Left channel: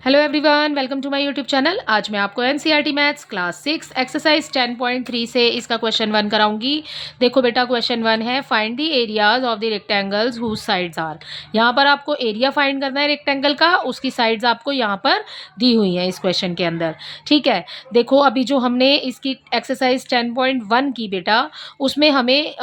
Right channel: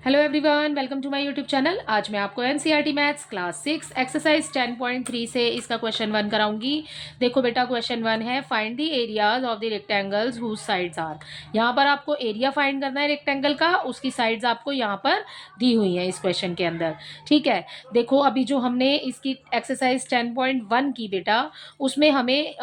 Hello everyone, welcome to my YouTube channel. आज मैं आपको एनसीईआरटी मैथ्स क्लास 6 एक्सरसाइज 10.3 से इसका क्वेश्चन 1 कराऊंगी। देखो बेटा, क्वेश्चन 1 है find the areas of the rectangles whose sides are. यहाँ पर आपको एरिया फाइंड करना है रेक्टेंगल का, उसकी साइड्स आपको यहाँ पर दी हुई हैं इस क्वेश्चन के अंदर। ठीक है, देखो अभी जो हमने इसकी एक्सरसाइज 10.1 की बेटा, उसमें हमें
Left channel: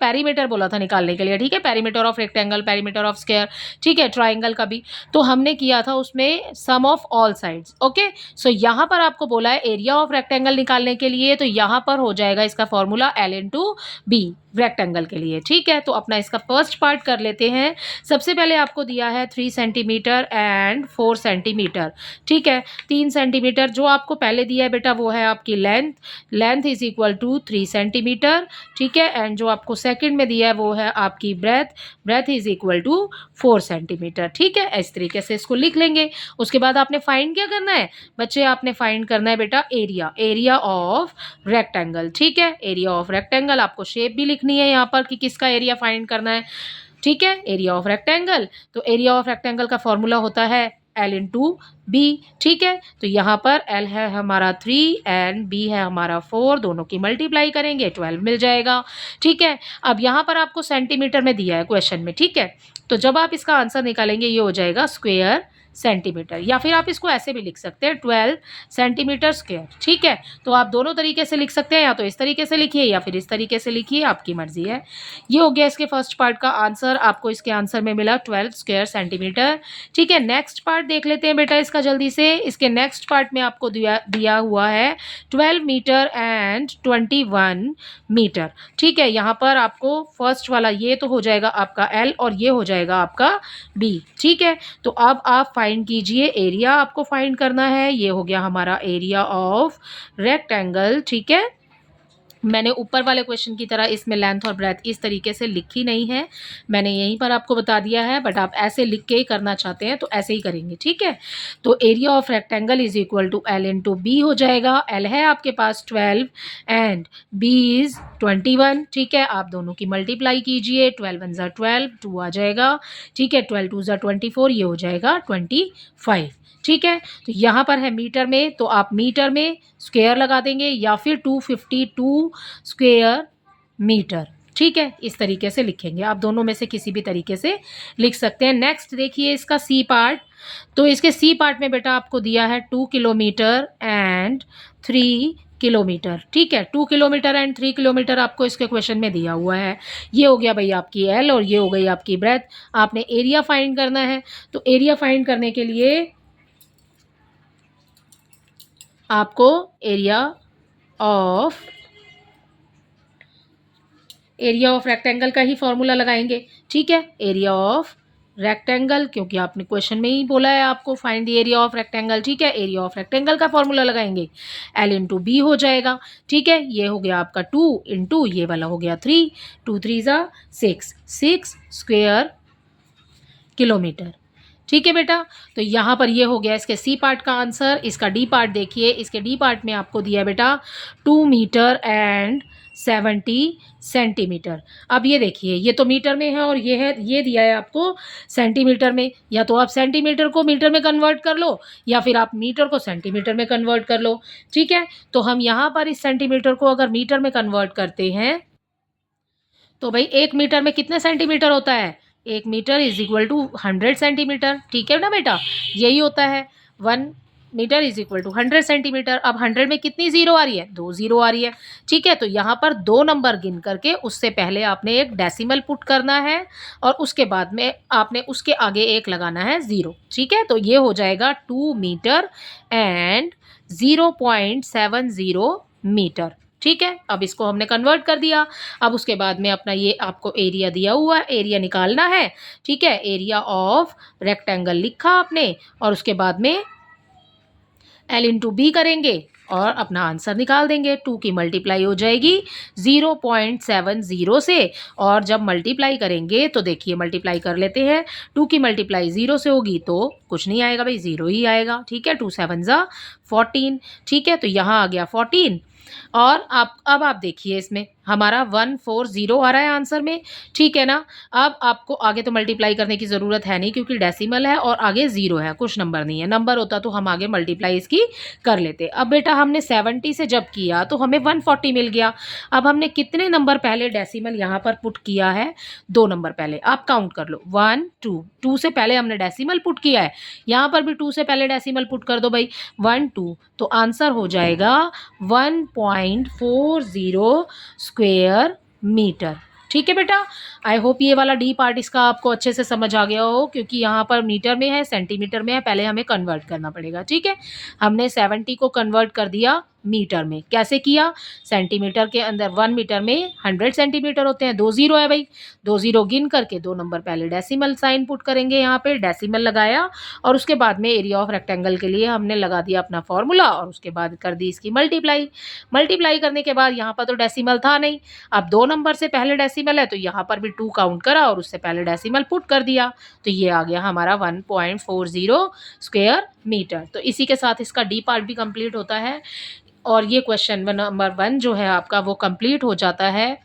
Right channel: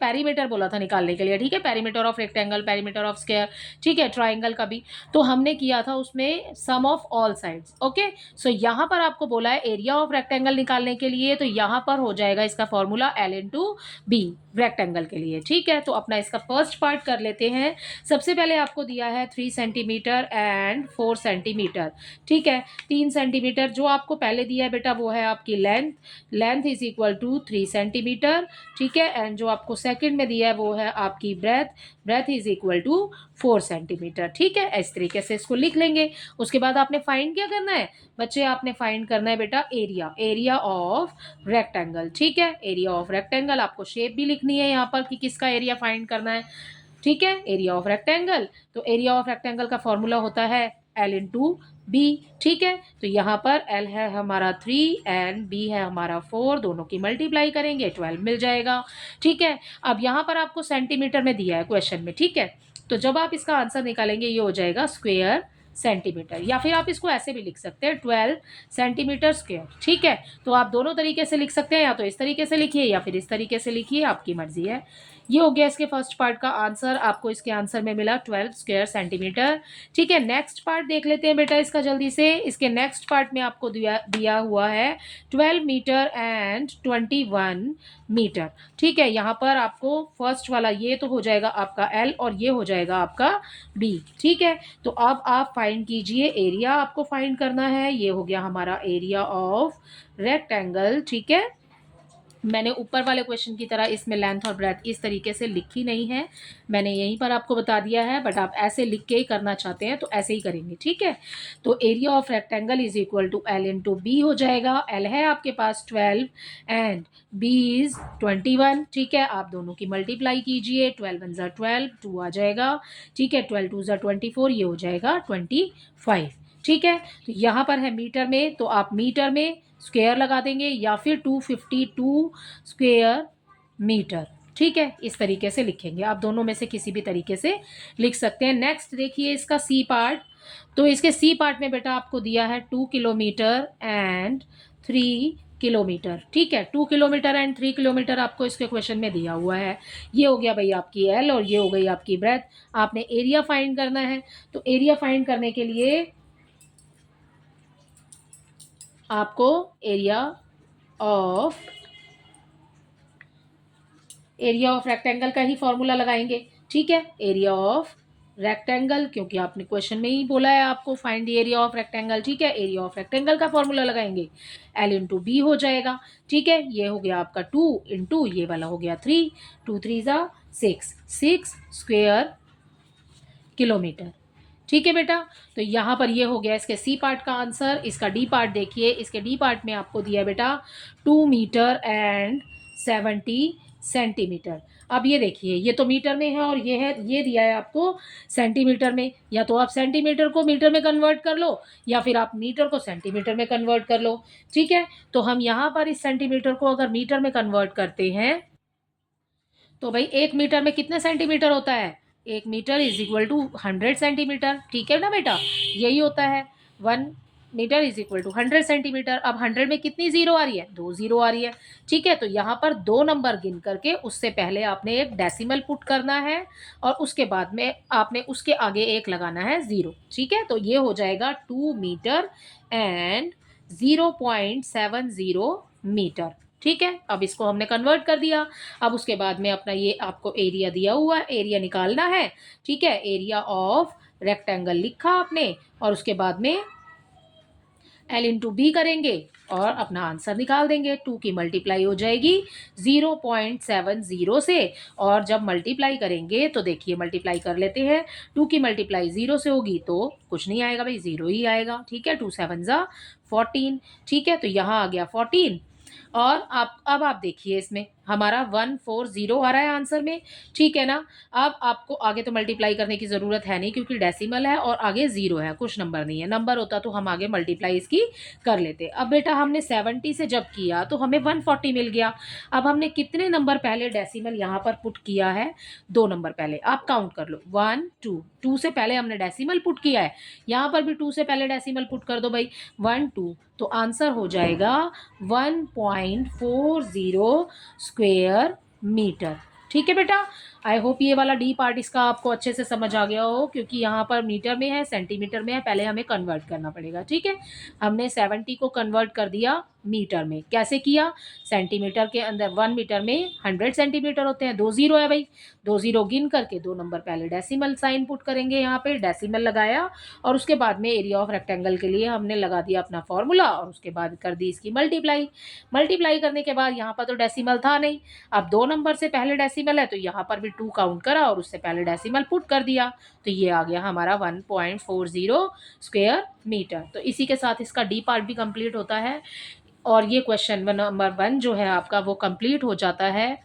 पेरीमीटर बोला था निकालने के लिए। ठीक है, perimeter of rectangle, perimeter of square, ठीक है, ट्राइंगल का भी तो हमने किया था उसमें सम ऑफ ऑल साइड्स। ओके, सो यहाँ पर आपको बोला है एरिया ऑफ रेक्टेंगल निकालने के लिए, तो यहाँ पर हो जाएगा इसका formula L into B rectangle के लिए। ठीक है, तो अपना इसका फर्स्ट पार्ट कर लेते हैं। सबसे पहले आपको दिया है 3 सेंटीमीटर एंड 4 सेंटीमीटर। ठीक है, 3 सेंटीमीटर जो आपको पहले दिया है बेटा वो है आपकी length, length is equal to 3 centimetre. ठीक है, एंड जो आपको सेकंड में दिया है वो है आपकी breadth, breadth is equal to 4 centimetre. ठीक है, इस तरीके से इसको लिख लेंगे। उसके बाद आपने फाइंड क्या करना है बच्चे, आपने फाइंड करना है बेटा एरिया, एरिया ऑफ रेक्टेंगल। ठीक है, एरिया ऑफ रेक्टेंगल आपको शेप भी लिखनी है यहाँ पर कि किसका एरिया फाइंड करना है। ठीक है, एरिया ऑफ रेक्टेंगल, तो एरिया ऑफ रेक्टेंगल का फॉर्मूला होता है L इंटू बी। ठीक है, तो यहाँ पर L है हमारा 3 एंड B है हमारा 4, दोनों की मल्टीप्लाई करेंगे 12 मिल जाएगा। ठीक है, अब यहाँ पर आपको सेंटीमीटर में दिया है क्वेश्चन में। ठीक है, तो जब आप इसका आंसर निकालेंगे ये हो जाएगा स्क्वायर सेंटीमीटर, या फिर आप इसको ऐसे भी लिख सकते हैं 12 सेंटीमीटर स्क्वायर। ठीक है, तो आप दोनों तरीके से लिख सकते हैं, या तो इस तरीके से लिखिए या फिर इस तरीके से लिखिए, आपकी मर्जी है। ये हो गया इसके फर्स्ट पार्ट का आंसर, आपको इसके आंसर में मिला 12 स्क्वायर सेंटीमीटर। ठीक है, नेक्स्ट पार्ट देख लेते हैं बेटा इसका जल्दी से। इसके नेक्स्ट पार्ट में आपको दिया हुआ है 12 मीटर एंड 21 मीटर। ठीक है, यहाँ पर आपको फर्स्ट वाला ये तो हो जाएगा आपका L और ये हो जाएगा आपका B। ठीक है, तो अब आप फाइंड कीजिए एरिया, आपको फाइंड करना है। ये हो गया हमारा एरिया ऑफ रेक्टेंगल। ठीक है, मैंने ऊपर वाले क्वेश्चन की तरह इसमें लेंथ और ब्रेथ इस तरीके से लिखी नहीं है, मैंने यहीं पर आपको बता दिया है, बट आप ऐसे लिख के ही करना चाहते हैं तो ऐसे ही करेंगे। ठीक है, तो area of rectangle is equal to L into B हो जाएगा। L है आपके पास 12 एंड B इज 21। ठीक है, आप दोनों की मल्टीप्लाई कीजिए, 12 1 ज़ा 12, 2 आ जाएगा। ठीक है, 12 2 ज़ा 24, ये हो जाएगा 25। ठीक है, तो यहाँ पर है मीटर में, तो आप मीटर में स्क्वायर लगा देंगे या फिर 252 स्क्वायर मीटर। ठीक है, इस तरीके से लिखेंगे, आप दोनों में से किसी भी तरीके से लिख सकते हैं। नेक्स्ट देखिए इसका सी पार्ट, तो इसके सी पार्ट में बेटा आपको दिया है 2 किलोमीटर एंड 3 किलोमीटर। ठीक है, 2 किलोमीटर एंड 3 किलोमीटर आपको इसके क्वेश्चन में दिया हुआ है। ये हो गया भाई आपकी L और ये हो गई आपकी ब्रेथ। आपने एरिया फाइंड करना है, तो एरिया फाइंड करने के लिए आपको एरिया ऑफ रेक्टेंगल का ही फॉर्मूला लगाएंगे। ठीक है, एरिया ऑफ रेक्टेंगल, क्योंकि आपने क्वेश्चन में ही बोला है आपको find the area of rectangle. ठीक है, एरिया ऑफ रेक्टेंगल का फॉर्मूला लगाएंगे, L इंटू बी हो जाएगा। ठीक है, ये हो गया आपका 2 इंटू ये वाला हो गया 3, 2 3 ज़ा 6 स्क्वायर किलोमीटर। ठीक है बेटा, तो यहाँ पर ये हो गया इसके सी पार्ट का आंसर। इसका डी पार्ट देखिए, इसके डी पार्ट में आपको दिया है बेटा 2 मीटर एंड 70 सेंटीमीटर। अब ये देखिए, ये तो मीटर में है और ये है, ये दिया है आपको सेंटीमीटर में। या तो आप सेंटीमीटर को मीटर में कन्वर्ट कर लो या फिर आप मीटर को सेंटीमीटर में कन्वर्ट कर लो। ठीक है, तो हम यहाँ पर इस सेंटीमीटर को अगर मीटर में कन्वर्ट करते हैं तो भाई 1 मीटर में कितने सेंटीमीटर होता है, 1 metre is equal to 100 centimetre. ठीक है ना बेटा, यही होता है, 1 metre is equal to 100 centimetre. अब 100 में कितनी जीरो आ रही है, 2 जीरो आ रही है। ठीक है, तो यहाँ पर 2 नंबर गिन करके उससे पहले आपने एक डेसिमल पुट करना है और उसके बाद में आपने उसके आगे एक लगाना है 0। ठीक है, तो ये हो जाएगा 2 मीटर एंड 0.70 मीटर। ठीक है, अब इसको हमने कन्वर्ट कर दिया। अब उसके बाद में अपना ये आपको एरिया दिया हुआ है, एरिया निकालना है। ठीक है, एरिया ऑफ रेक्टेंगल लिखा आपने और उसके बाद में L इंटू बी करेंगे और अपना आंसर निकाल देंगे। 2 की मल्टीप्लाई हो जाएगी 0.70 से, और जब मल्टीप्लाई करेंगे तो देखिए मल्टीप्लाई कर लेते हैं। 2 की मल्टीप्लाई 0 से होगी तो कुछ नहीं आएगा भाई, 0 ही आएगा। ठीक है, 2 7 14। ठीक है, तो यहाँ आ गया 14। और अब आप देखिए इसमें हमारा 140 आ रहा है आंसर में, ठीक है ना। अब आपको आगे तो मल्टीप्लाई करने की ज़रूरत है नहीं क्योंकि डेसिमल है और आगे ज़ीरो है, कुछ नंबर नहीं है। नंबर होता तो हम आगे मल्टीप्लाई इसकी कर लेते। अब बेटा हमने 70 से जब किया तो हमें 140 मिल गया। अब हमने कितने नंबर पहले डेसिमल यहाँ पर पुट किया है? 2 नंबर पहले। आप काउंट कर लो 1 2, 2 से पहले हमने डेसिमल पुट किया है, यहाँ पर भी 2 से पहले डेसिमल पुट कर दो भाई, 1 2, तो आंसर हो जाएगा 1.40 स्क्वेयर मीटर। ठीक है बेटा, आई होप ये वाला डी पार्ट इसका आपको अच्छे से समझ आ गया हो, क्योंकि यहाँ पर मीटर में है, सेंटीमीटर में है, पहले हमें कन्वर्ट करना पड़ेगा। ठीक है, हमने 70 को कन्वर्ट कर दिया मीटर में। कैसे किया? सेंटीमीटर के अंदर 1 मीटर में 100 सेंटीमीटर होते हैं, 2 ज़ीरो है भाई, 2 ज़ीरो गिन करके 2 नंबर पहले डेसिमल साइन पुट करेंगे, यहाँ पे डेसिमल लगाया और उसके बाद में एरिया ऑफ रेक्टेंगल के लिए हमने लगा दिया अपना फॉर्मूला और उसके बाद कर दी इसकी मल्टीप्लाई। मल्टीप्लाई करने के बाद यहाँ पर तो डेसिमल था नहीं, अब 2 नंबर से पहले डेसिमल है तो यहाँ पर भी 2 काउंट करा और उससे पहले डेसिमल पुट कर दिया, तो ये आ गया हमारा 1.40 स्क्वेयर मीटर। तो इसी के साथ इसका डी पार्ट भी कंप्लीट होता है और ये क्वेश्चन नंबर 1 जो है आपका वो कंप्लीट हो जाता है।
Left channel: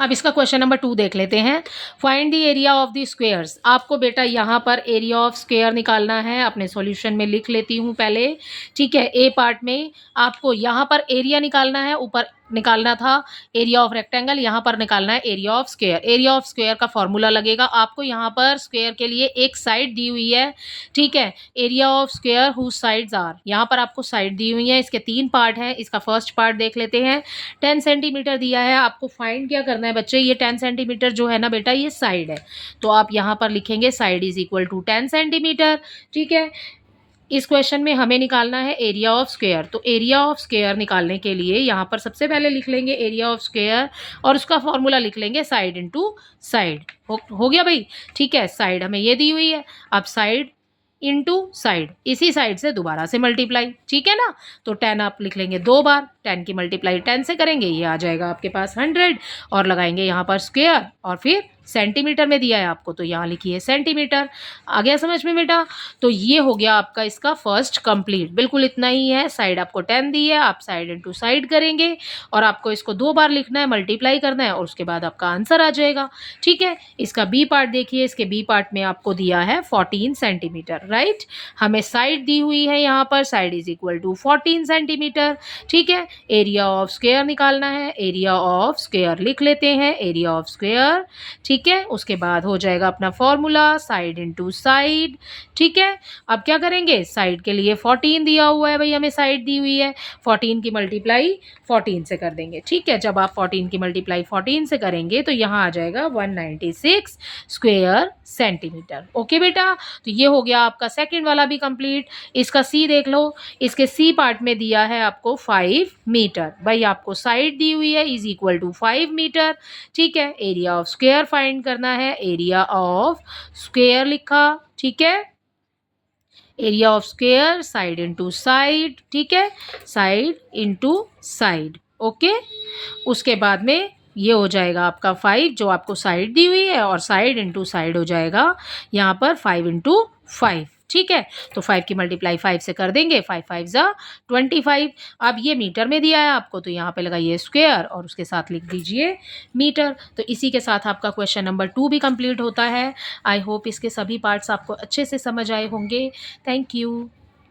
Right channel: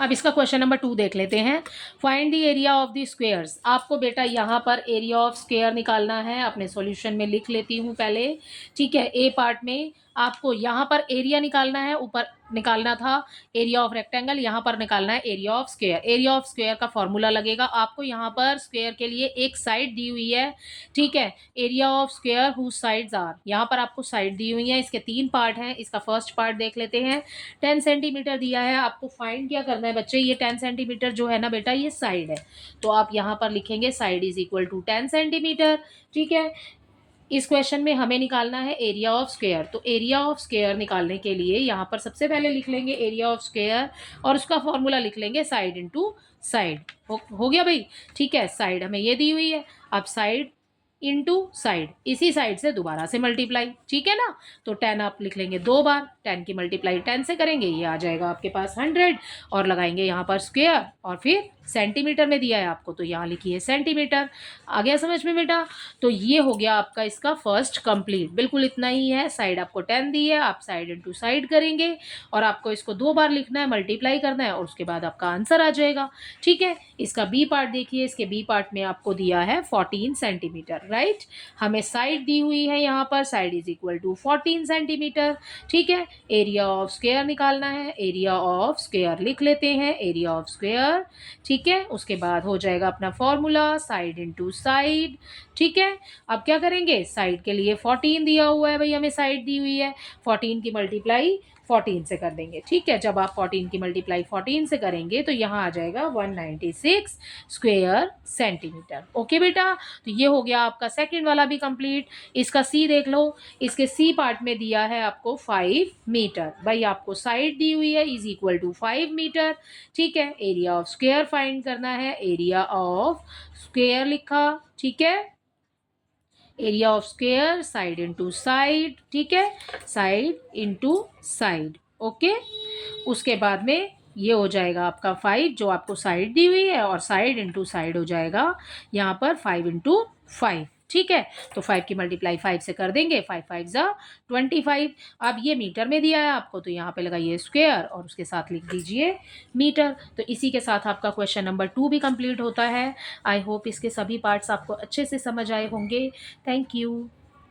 अब इसका क्वेश्चन नंबर 2 देख लेते हैं। Find the area of the squares. आपको बेटा यहाँ पर एरिया ऑफ स्क्वेयर निकालना है, अपने सॉल्यूशन में लिख लेती हूँ पहले। ठीक है, ए पार्ट में आपको यहाँ पर एरिया निकालना है, ऊपर निकालना था एरिया ऑफ रेक्टेंगल, यहाँ पर निकालना है area of square. Area of square का फॉर्मूला लगेगा आपको, यहाँ पर स्क्वेयर के लिए एक साइड दी हुई है। ठीक है, area of square whose sides are, यहाँ पर आपको साइड दी हुई है, इसके 3 पार्ट हैं। इसका फर्स्ट पार्ट देख लेते हैं। 10 सेंटीमीटर दिया है, आपको फाइंड क्या करना है बच्चे? ये 10 सेंटीमीटर जो है ना बेटा, ये साइड है, तो आप यहाँ पर लिखेंगे side is equal to 10 centimetre. ठीक है, इस क्वेश्चन में हमें निकालना है एरिया ऑफ स्क्वेयर, तो एरिया ऑफ स्क्वेयर निकालने के लिए यहाँ पर सबसे पहले लिख लेंगे एरिया ऑफ स्क्वेयर और उसका फॉर्मूला लिख लेंगे साइड इंटू साइड। हो गया भाई। ठीक है, साइड हमें ये दी हुई है, अब साइड इंटू साइड, इसी साइड से दोबारा से मल्टीप्लाई। ठीक है ना, तो 10 आप लिख लेंगे 2 बार, 10 की मल्टीप्लाई 10 से करेंगे, ये आ जाएगा आपके पास 100 और लगाएंगे यहाँ पर स्क्वेयर और फिर सेंटीमीटर में दिया है आपको तो यहाँ लिखिए सेंटीमीटर। आ गया समझ में बेटा? तो ये हो गया आपका इसका फर्स्ट कंप्लीट, बिल्कुल इतना ही है। साइड आपको 10 दी है, आप साइड इंटू साइड करेंगे और आपको इसको 2 बार लिखना है, मल्टीप्लाई करना है और उसके बाद आपका आंसर आ जाएगा। ठीक है, इसका बी पार्ट देखिए, इसके बी पार्ट में आपको दिया है 14 सेंटीमीटर, राइट। हमें साइड दी हुई है यहाँ पर, side is equal to 14 centimetre. ठीक है, एरिया ऑफ स्क्वेयर निकालना है, एरिया ऑफ स्क्वेयर लिख लेते हैं, एरिया ऑफ स्क्वेयर। ठीक है, उसके बाद हो जाएगा अपना फॉर्मूला साइड इंटू साइड। ठीक है, अब क्या करेंगे? साइड के लिए 14 दिया हुआ है भाई, हमें साइड दी हुई है, 14 की मल्टीप्लाई 14 से कर देंगे। ठीक है, जब आप 14 की मल्टीप्लाई 14 से करेंगे तो यहाँ आ जाएगा 196 स्क्वेयर सेंटीमीटर। ओके बेटा, तो ये हो गया आपका सेकंड वाला भी कंप्लीट। इसका सी देख लो, इसके सी पार्ट में दिया है आपको 5 मीटर, भाई आपको साइड दी हुई है इज इक्वल टू 5 मीटर। ठीक है, एरिया ऑफ स्क्वेयर फाइंड करना है, एरिया ऑफ स्क्वेयर लिखा। ठीक है, area of square side into side. ठीक है, साइड इंटू साइड। ओके, उसके बाद में ये हो जाएगा आपका 5 जो आपको साइड दी हुई है और साइड इंटू साइड हो जाएगा यहाँ पर 5 इंटू 5। ठीक है, तो 5 की मल्टीप्लाई 5 से कर देंगे, 5 5 ज़ा 25। अब ये मीटर में दिया है आपको तो यहाँ पे लगाइए स्क्वेयर और उसके साथ लिख दीजिए मीटर। तो इसी के साथ आपका क्वेश्चन नंबर 2 भी कंप्लीट होता है। आई होप इसके सभी पार्ट्स आपको अच्छे से समझ आए होंगे। Thank you.